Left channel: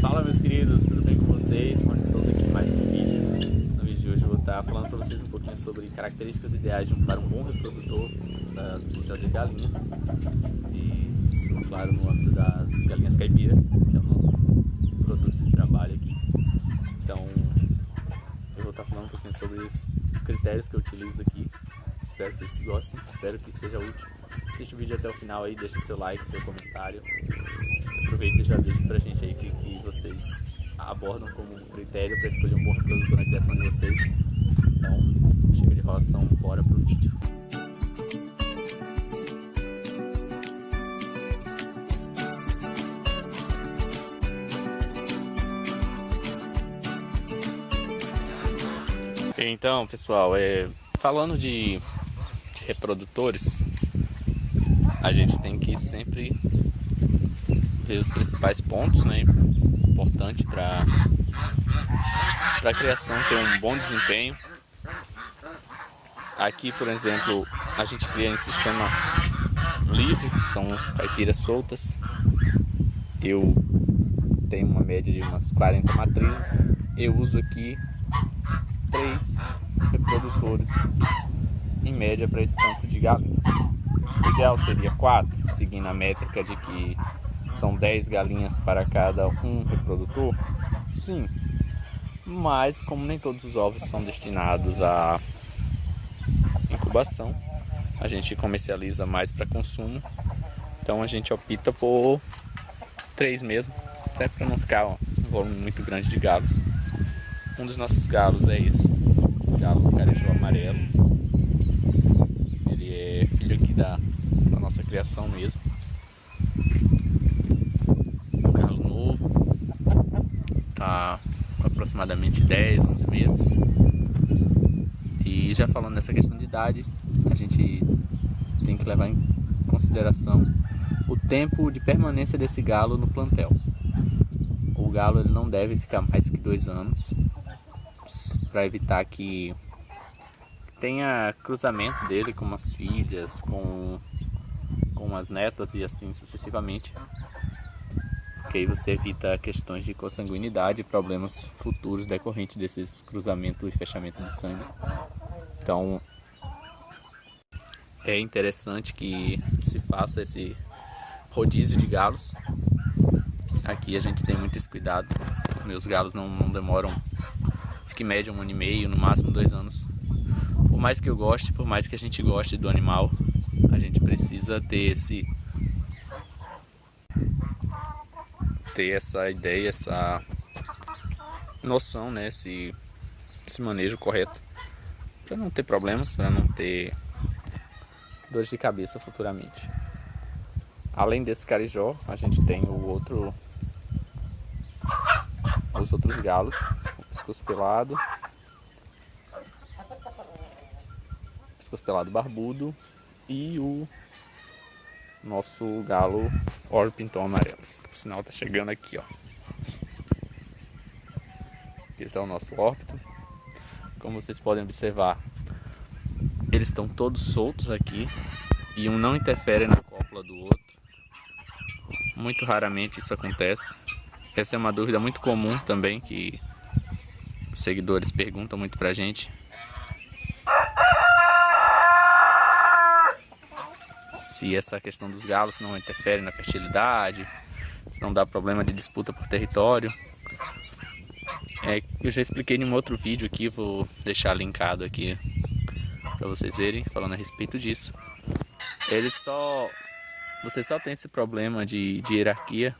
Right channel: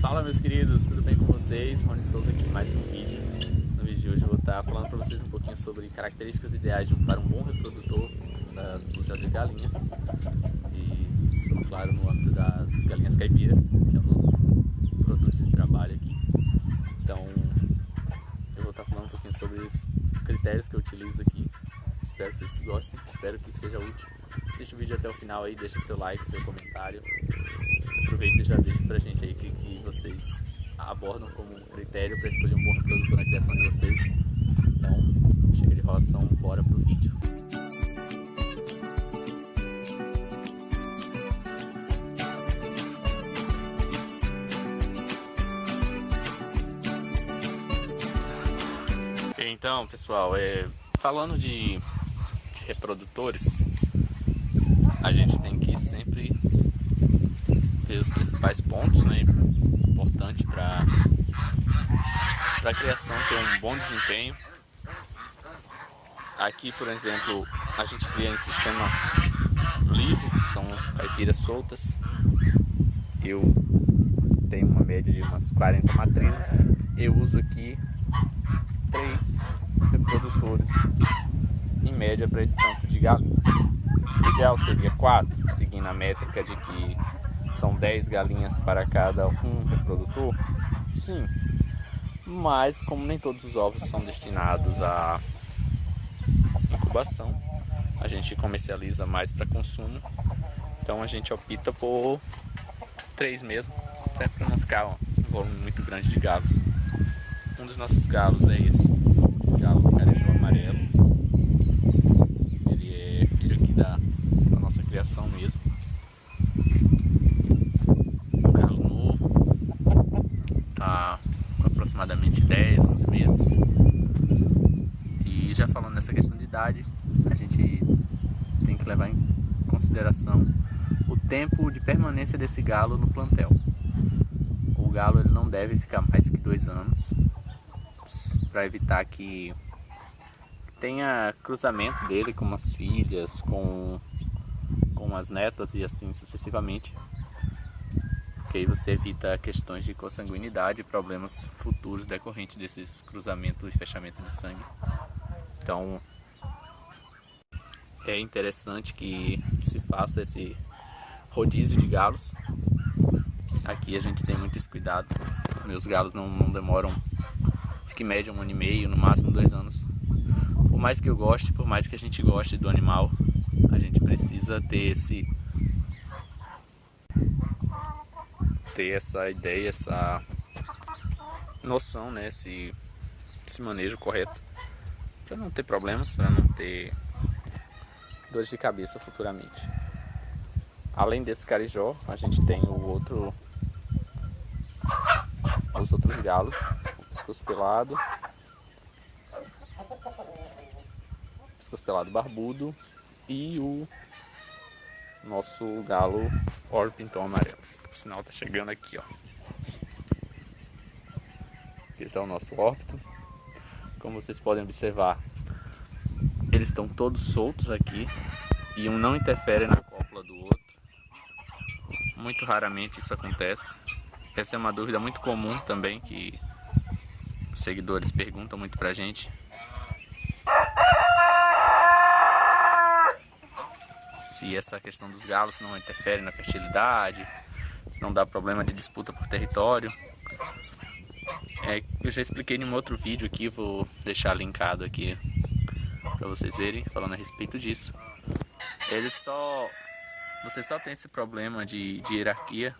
Fala, meus queridos, tudo bem com vocês? Rony Souza aqui em mais um vídeo. No vídeo de hoje eu vou estar falando para vocês um pouquinho sobre características ideais para um bom reprodutor do plantel de galinhas. E isso, claro, no âmbito das galinhas caipiras, que é o nosso produto de trabalho aqui. Então, eu vou estar falando um pouquinho sobre os critérios que eu utilizo aqui. Espero que vocês gostem, espero que seja útil. Assiste o vídeo até o final aí, deixa seu like, seu comentário. Aproveita e já deixa pra gente aí o que vocês abordam como critério para escolher um bom reprodutor na criação de vocês. Então, chega de enrolação, bora pro vídeo. Então, pessoal, falando de reprodutores, a gente tem que sempre ver os principais pontos, né, importante para a criação ter um bom desempenho. Aqui, por exemplo, a gente cria em sistema livre, são caipiras soltas. Eu tenho uma média de umas 40 matrizes. Eu uso aqui 3 reprodutores em média para esse tanto de galinhas. O ideal seria 4, seguindo a métrica de que são 10 galinhas para cada um reprodutor. Sim, mas como nem todos os ovos são destinados à incubação, a gente comercializa mais para consumo, então a gente opta por 3 mesmo, até para não ficar um volume muito grande de galos. Um dos nossos galos é esse galo carijó amarelo. Ele é filho aqui da nossa criação mesmo. Um galo novo, tá aproximadamente 10, 11 meses. E já falando nessa questão de idade, a gente tem que levar em consideração o tempo de permanência desse galo no plantel. O galo ele não deve ficar mais que 2 anos, para evitar que tenha cruzamento dele com as filhas, com as netas e assim sucessivamente. Porque aí você evita questões de consanguinidade e problemas futuros decorrentes desses cruzamentos e fechamento de sangue. Então é interessante que se faça esse rodízio de galos. Aqui a gente tem muito esse cuidado. Meus galos não demoram, fica em média 1 ano e meio, no máximo 2 anos. Por mais que eu goste, por mais que a gente goste do animal, a gente precisa ter essa ideia, essa noção, né, esse manejo correto, para não ter problemas, para não ter dores de cabeça futuramente. Além desse carijó, a gente tem os outros galos, o pescoço pelado barbudo e o nosso galo Orpington amarelo. O sinal tá chegando aqui, ó. Esse é o nosso Orpington. Como vocês podem observar, eles estão todos soltos aqui e um não interfere na cópula do outro. Muito raramente isso acontece. Essa é uma dúvida muito comum também, que os seguidores perguntam muito pra gente. Se essa questão dos galos não interfere na fertilidade, se não dá problema de disputa por território. Eu já expliquei em um outro vídeo aqui, vou deixar linkado aqui para vocês verem, falando a respeito disso. Você só tem esse problema de hierarquia,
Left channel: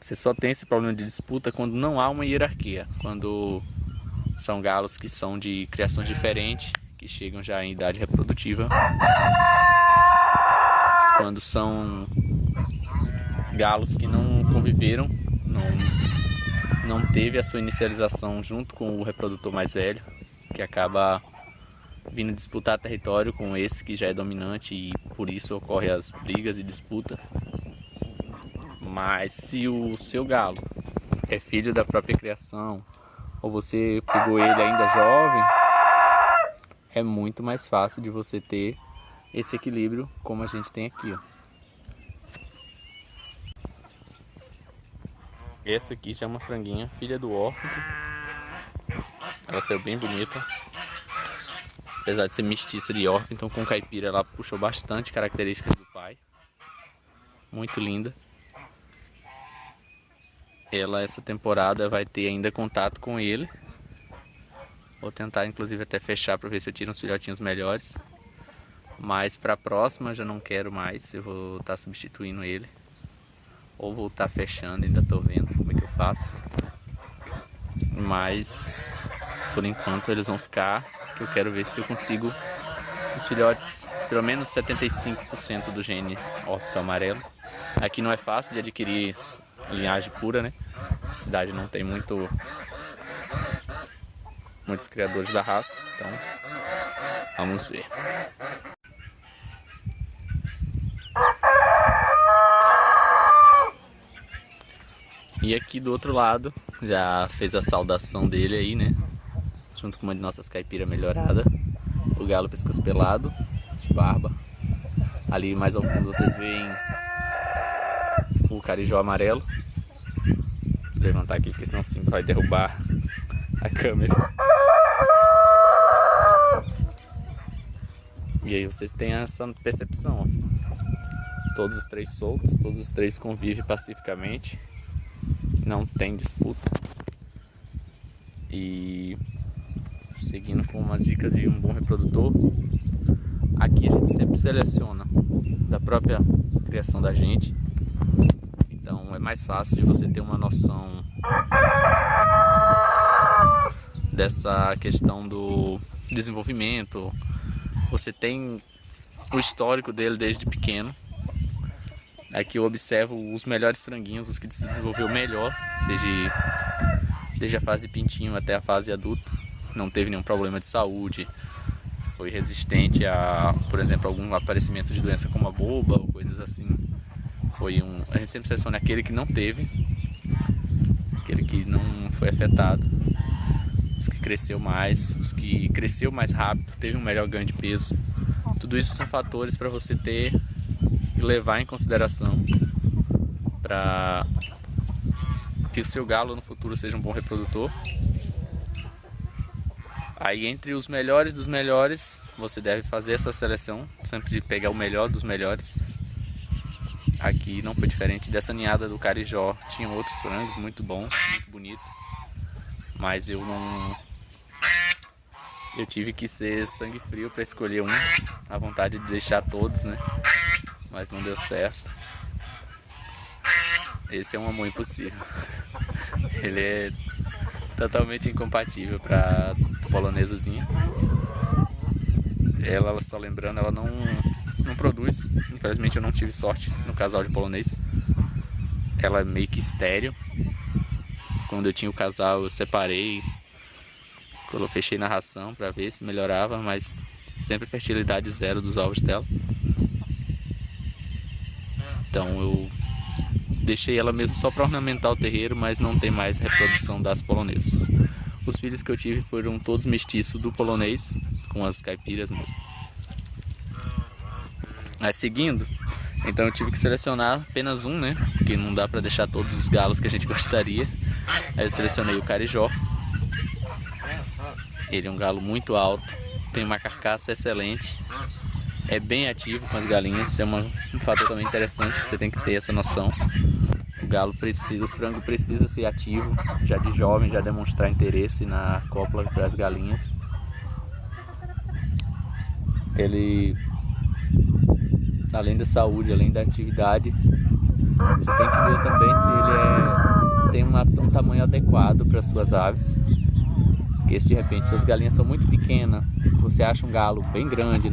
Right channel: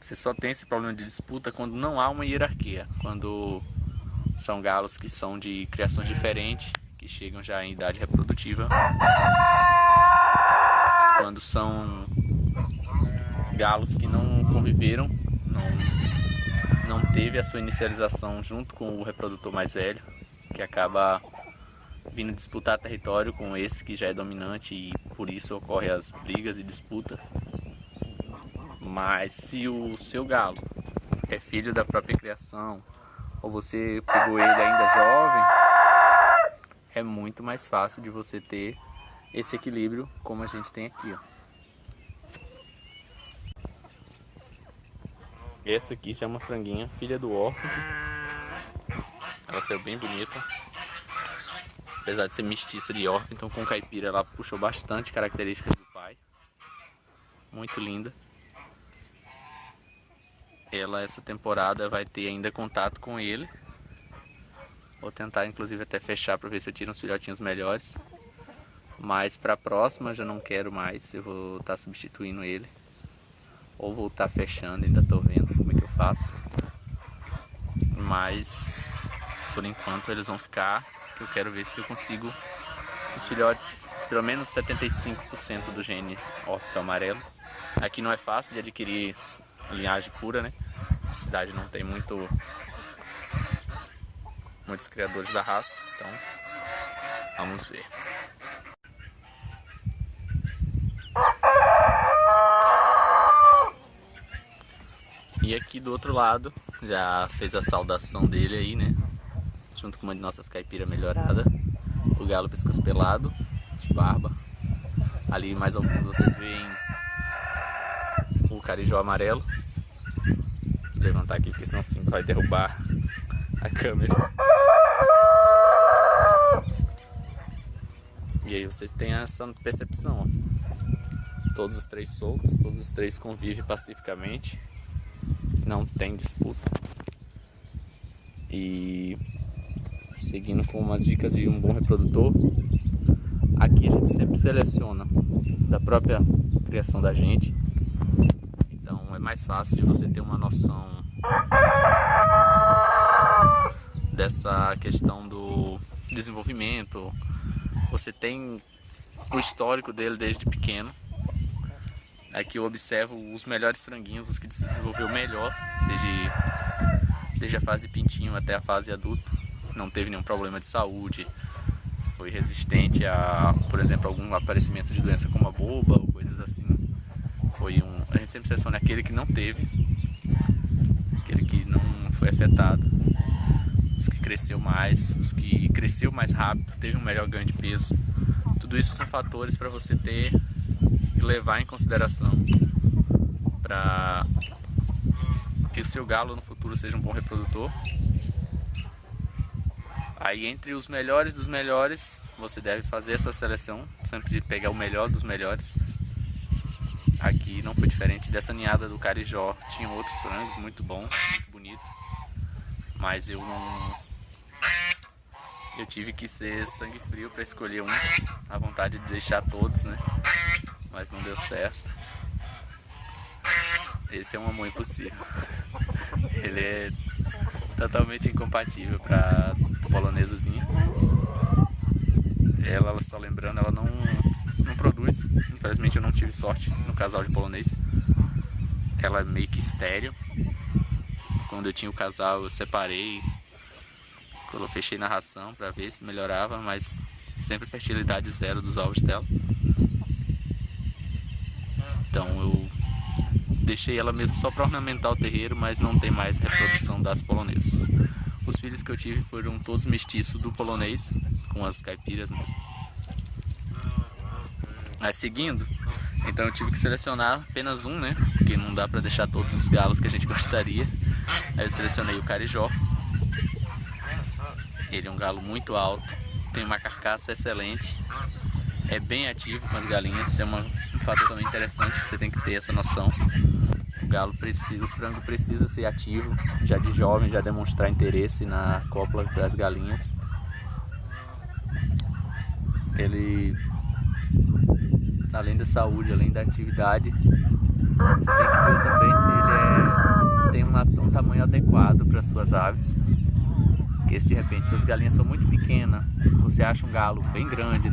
você só tem esse problema de disputa quando não há uma hierarquia, quando são galos que são de criações diferentes, que chegam já em idade reprodutiva, quando são galos que não conviveram, não teve a sua inicialização junto com o reprodutor mais velho, que acaba vindo disputar território com esse que já é dominante e por isso ocorrem as brigas e disputa. Mas se o seu galo é filho da própria criação, ou você pegou ele ainda jovem, é muito mais fácil de você ter esse equilíbrio como a gente tem aqui, ó. Essa aqui já é uma franguinha, filha do Orpington. Ela saiu bem bonita. Apesar de ser mestiça de Orpington com caipira, ela puxou bastante características do pai. Muito linda. Ela, essa temporada, vai ter ainda contato com ele. Vou tentar, inclusive, até fechar para ver se eu tiro uns filhotinhos melhores. Mas para a próxima, já não quero mais. Eu vou estar substituindo ele. Ou vou estar fechando, ainda estou vendo como é que eu faço. Mas, por enquanto, eles vão ficar. Que eu quero ver se eu consigo os filhotes, pelo menos 75% do gene Orpington amarelo. Aqui não é fácil de adquirir linhagem pura, né? A cidade não tem muitos criadores da raça, então vamos ver. E aqui do outro lado, já fez a saudação dele aí, né? Junto com uma de nossas caipiras melhorada. O galo pescoço pelado, de barba. Ali mais ao fundo vocês veem o carijó amarelo. Vou levantar aqui porque senão sim vai derrubar a câmera. E aí vocês têm essa percepção, ó. Todos os três soltos, todos os três convivem pacificamente. Não tem disputa. E seguindo com umas dicas de um bom reprodutor, aqui a gente sempre seleciona da própria criação da gente. Então é mais fácil de você ter uma noção dessa questão do desenvolvimento. Você tem o histórico dele desde pequeno. Aqui eu observo os melhores franguinhos, os que se desenvolveu melhor desde a fase pintinho até a fase adulto. Não teve nenhum problema de saúde, foi resistente a, por exemplo, algum aparecimento de doença como a boba ou coisas assim. A gente sempre seleciona aquele que não teve, aquele que não foi afetado, os que cresceu mais, os que cresceu mais rápido, teve um melhor ganho de peso. Tudo isso são fatores para você ter e levar em consideração para que o seu galo no futuro seja um bom reprodutor. Aí entre os melhores dos melhores, você deve fazer essa seleção, sempre pegar o melhor dos melhores. Aqui não foi diferente dessa ninhada do carijó, tinha outros frangos muito bons, muito bonitos, mas eu tive que ser sangue frio para escolher um, a vontade de deixar todos, né? Mas não deu certo. Esse é um amor impossível. Ele é totalmente incompatível para polonesazinha. Ela, só lembrando, ela não produz. Infelizmente eu não tive sorte no casal de polonês. Ela é meio que estéril. Quando eu tinha o casal eu separei, eu fechei na ração para ver se melhorava, mas sempre fertilidade zero dos ovos dela. Então eu deixei ela mesmo só para ornamentar o terreiro, mas não tem mais reprodução das polonesas. Os filhos que eu tive foram todos mestiços do polonês, com as caipiras mesmo. Mas seguindo, então eu tive que selecionar apenas um, né? Porque não dá para deixar todos os galos que a gente gostaria. Aí eu selecionei o carijó. Ele é um galo muito alto, tem uma carcaça excelente. É bem ativo com as galinhas, isso é um fator também interessante, você tem que ter essa noção. O frango precisa ser ativo, já de jovem, já demonstrar interesse na cópula das galinhas. Ele, além da saúde, além da atividade, você tem que ver também se ele tem um tamanho adequado para suas aves. Porque se de repente suas galinhas são muito pequenas, você acha um galo bem grande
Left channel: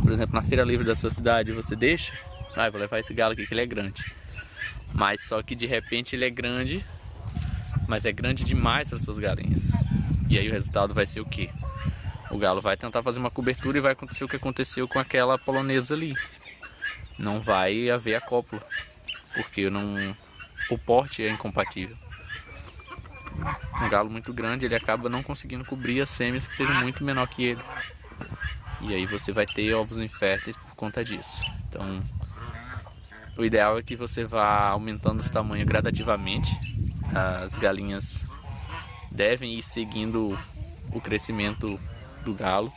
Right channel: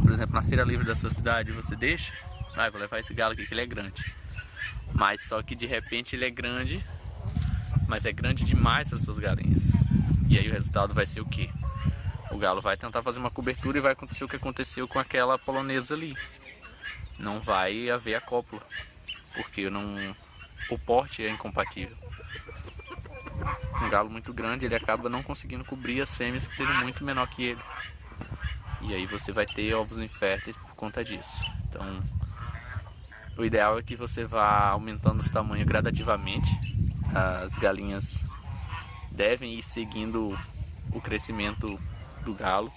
por exemplo, na feira livre da sua cidade, você deixa, vou levar esse galo aqui que ele é grande. Mas só que de repente ele é grande, mas é grande demais para suas galinhas. E aí o resultado vai ser o quê? O galo vai tentar fazer uma cobertura e vai acontecer o que aconteceu com aquela polonesa ali. Não vai haver a cópula, porque o porte é incompatível. Um galo muito grande, ele acaba não conseguindo cobrir as fêmeas que sejam muito menor que ele. E aí você vai ter ovos inférteis por conta disso. Então, O ideal é que você vá aumentando os tamanhos gradativamente. As galinhas devem ir seguindo o crescimento do galo.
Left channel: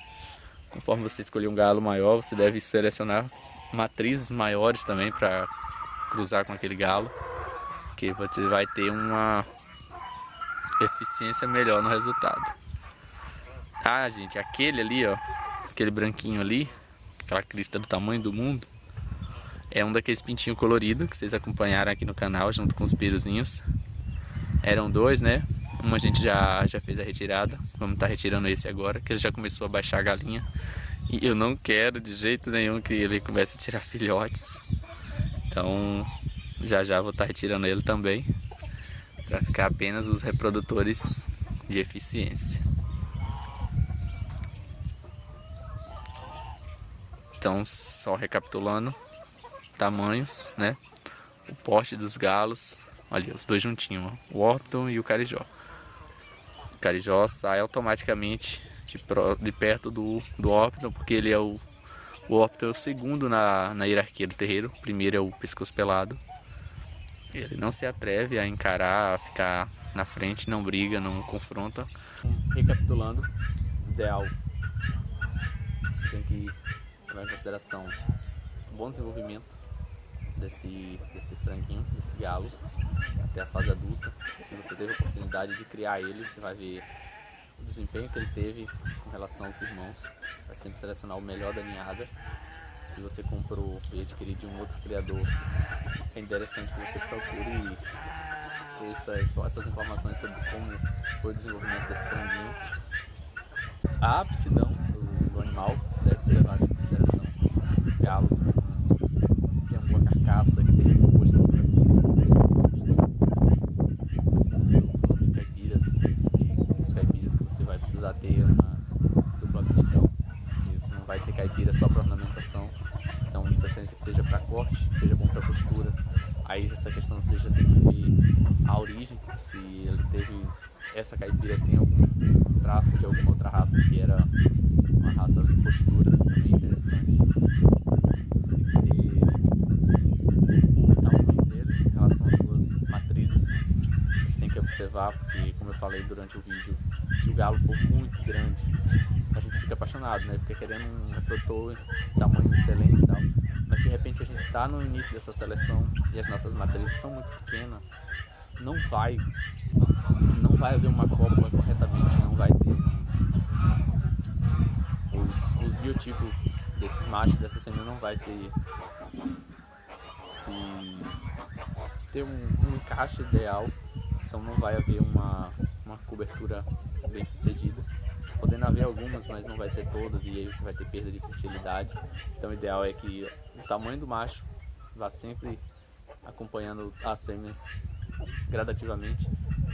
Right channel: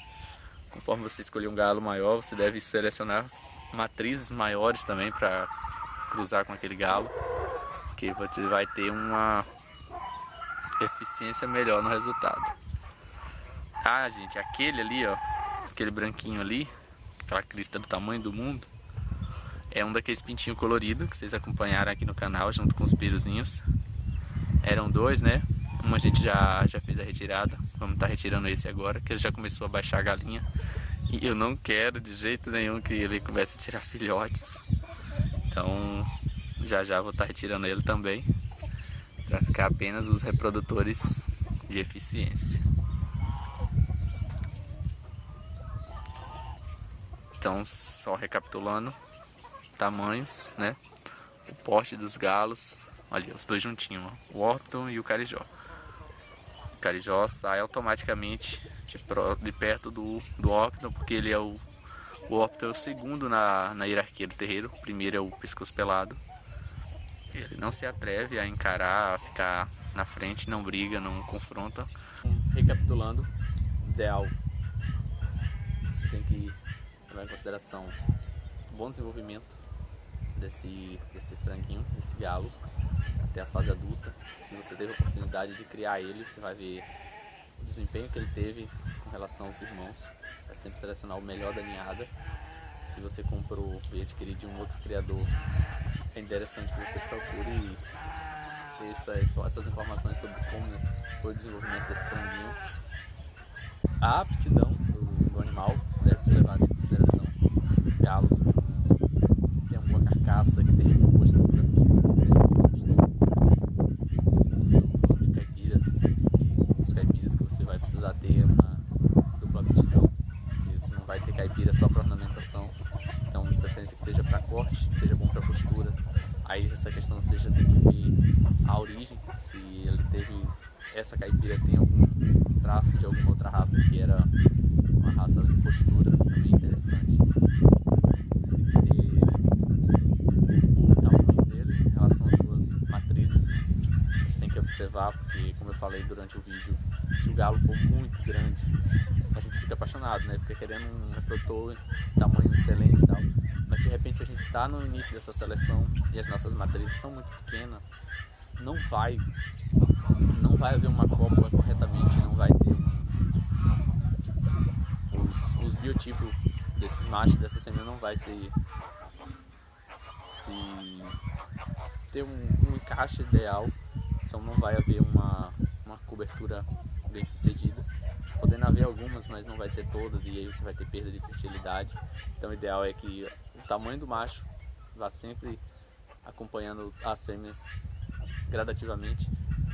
Conforme você escolher um galo maior, você deve selecionar matrizes maiores também para cruzar com aquele galo, que você vai ter uma eficiência melhor no resultado. Ah, gente, aquele ali, ó, aquele branquinho ali, aquela crista do tamanho do mundo, é um daqueles pintinhos coloridos que vocês acompanharam aqui no canal junto com os piruzinhos. Eram dois, né? Uma a gente já fez a retirada. Vamos estar retirando esse agora, que ele já começou a baixar a galinha. E eu não quero de jeito nenhum que ele comece a tirar filhotes. Então já vou estar retirando ele também, para ficar apenas os reprodutores de eficiência. Então, só recapitulando, tamanhos, né? O porte dos galos, olha os dois juntinhos, ó, o Orpton e o Carijó. O Carijó sai automaticamente de perto do Orpton, porque ele é o Orpton é o segundo na hierarquia do terreiro. O primeiro é o pescoço pelado. Ele não se atreve a encarar, a ficar na frente, não briga, não confronta. Recapitulando, ideal, você tem que levar em consideração o bom desenvolvimento desse franguinho, desse galo, até a fase adulta. Se você teve a oportunidade de criar ele, você vai ver o desempenho que ele teve com relação aos irmãos. Vai sempre selecionar o melhor da ninhada. Se você comprou e adquiriu de um outro criador, é interessante que você procure ter essas informações sobre como foi o desenvolvimento desse franguinho. A aptidão do animal deve ser levada em consideração. Galos que tem uma boa carcaça, que tem uma boa estrutura física, que seja robusto. Isso falando de caipira, os caipiras que você vai precisar ter uma dupla aptidão. Você não vai ter caipira só para ornamentação, então de preferência que seja para corte, que seja bom para postura. Aí essa questão você já tem que ver a origem, se ele teve, essa caipira tem algum traço de alguma outra raça que era uma raça de postura, também interessante. Tem que ter o tamanho dele em relação às suas matrizes. Você tem que observar, porque como eu falei durante o vídeo, se o galo for muito grande, a gente fica apaixonado, né? Fica querendo um reprodutor de tamanho excelente e tal. Mas se de repente a gente está no início dessa seleção e as nossas matrizes são muito pequenas, não vai haver uma cópula corretamente, não vai ter os biotipos desses machos, dessa fêmea não vai se ter um encaixe ideal, então não vai haver uma cobertura bem sucedida. Podendo haver algumas, mas não vai ser todas, e aí você vai ter perda de fertilidade. Então o ideal é que o tamanho do macho vá sempre acompanhando as fêmeas gradativamente,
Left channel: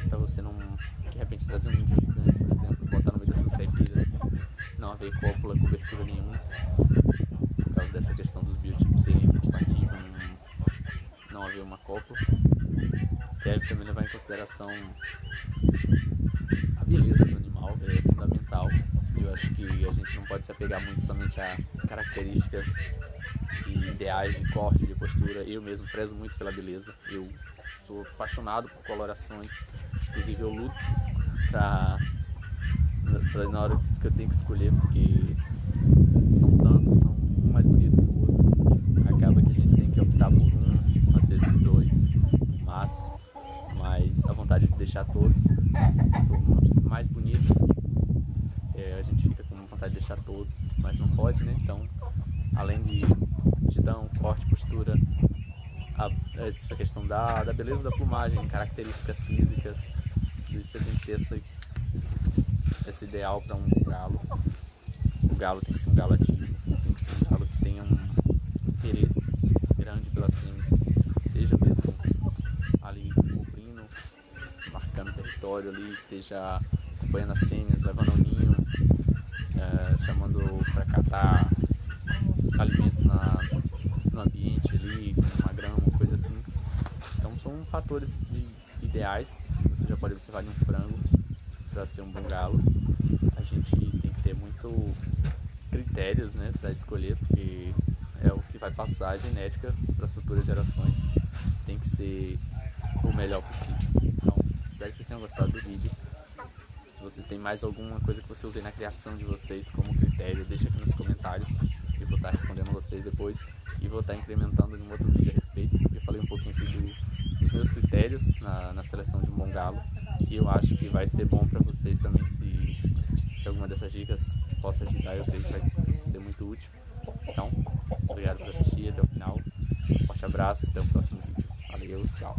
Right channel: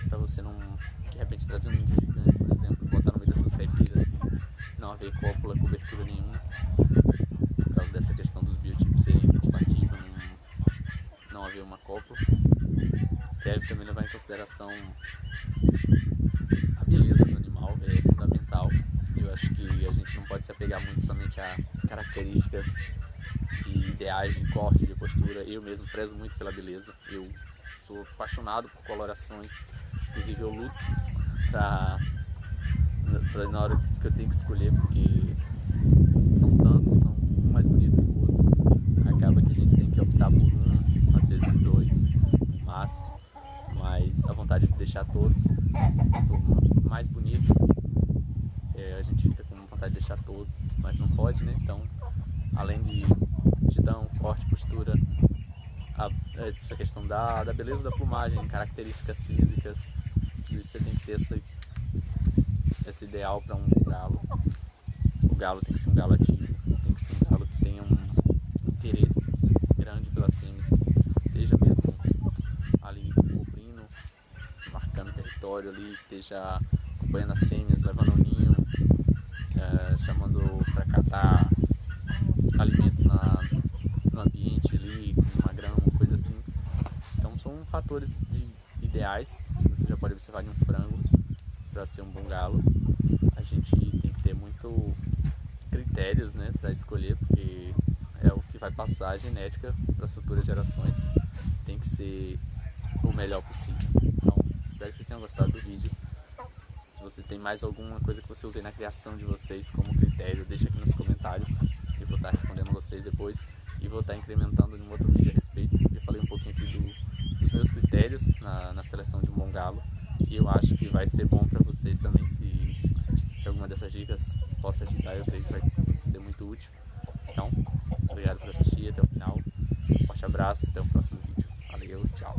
para você não, de repente, trazer um índio gigante, por exemplo, e botar no meio dessas caipiras, não haver cópula, cobertura nenhuma, por causa dessa questão dos biotipos serem compatíveis, não haver uma cópula. Deve também levar em consideração a beleza do animal, é fundamental. Eu acho que a gente não pode se apegar muito somente a características de ideais de corte, de postura. Eu mesmo prezo muito pela beleza, eu sou apaixonado por colorações, inclusive eu luto pra na hora que eu tenho que escolher, porque são tantos, são um mais bonito que o outro, acaba que a gente tem que optar por um, às vezes dois no máximo, mas a vontade de deixar todos mais bonito, a gente fica com vontade de deixar todos, mas não pode, né? Então, além de aptidão, corte, postura, essa questão da beleza da plumagem, características físicas, tudo isso você tem que ter esse ideal para um galo. O galo tem que ser um galo ativo, tem que ser um galo que tenha um interesse grande pelas fêmeas, que esteja mesmo ali cobrindo, marcando território ali, esteja acompanhando as fêmeas, levando ao ninho, chamando para catar alimentos no ambiente ali, uma grama, uma coisa assim. Então são fatores ideais que você já pode observar em um frango para ser um bom galo. A gente tem que ter muito critérios, né, para escolher, porque é o que vai passar a genética para as futuras gerações. Tem que ser o melhor possível. Então, espero que vocês tenham gostado do vídeo. Se você tem mais alguma coisa que você use na criação de vocês como critério, deixa aqui nos comentários. Eu vou estar respondendo vocês depois e vou estar incrementando em um outro vídeo a respeito. Eu falei um pouquinho aqui dos meus critérios na seleção de um bom galo e eu acho que vai ser bom para vocês também. Se alguma dessas dicas possa ajudar, eu creio que vai ser muito útil. Então, obrigado por assistir até o final. Um forte abraço, até o próximo vídeo. Valeu, tchau.